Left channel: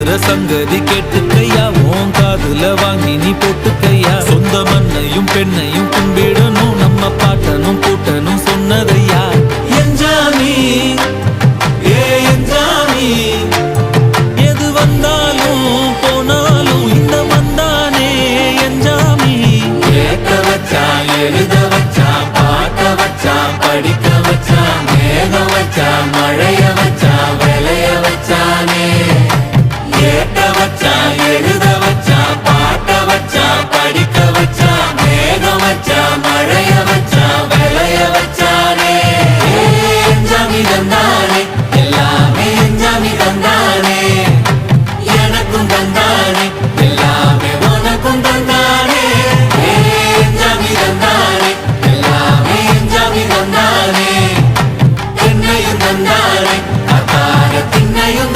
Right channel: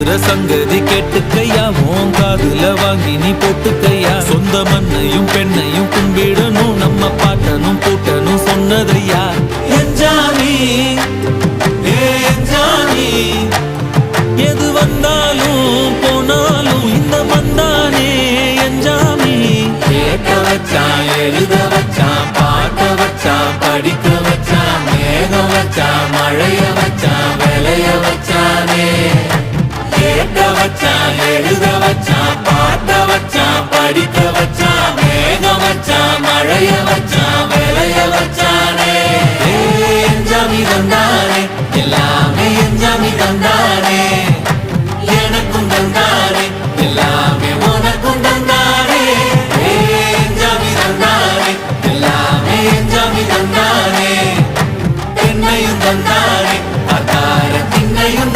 சங்கதி கேட்டுக்கையா, உன் காதுல வாங்கி நீ போட்டுக்கையா. சொந்த மண்ணையும் பெண்ணையும் கும்பிடணும், நம்ம பாட்டனும் பூட்டனும் சொன்னதையா. என்ஜாமி ஏ என்ஜாமி, எது வந்தாலும் போனாலும் இந்த மந்தானே என்ஜாமி. கேட்க வச்சான், எழுத வச்சான், பாட்ட வச்சான், படிக்க வச்சான், மேகம் வச்சான், மழைய வச்சான், விளைய வச்சானே. கேட்க வச்சான், எழுத வச்சான், பாட்ட வச்சான், படிக்க வச்சான், மேகம் வச்சான், மழைய வச்சான், விளைய வச்சானே. என்ஜாமி தந்தானே, எல்லாமே என்ஜாமி தந்தானே. எனக்கும் தந்தானே, எல்லாமே உனக்கும் தந்தானே. என்ஜாமி தந்தானே, எல்லாமே என்ஜாமி தந்தானே. பெண்ணையும் தந்தானே, அத்தார திண்ணையும்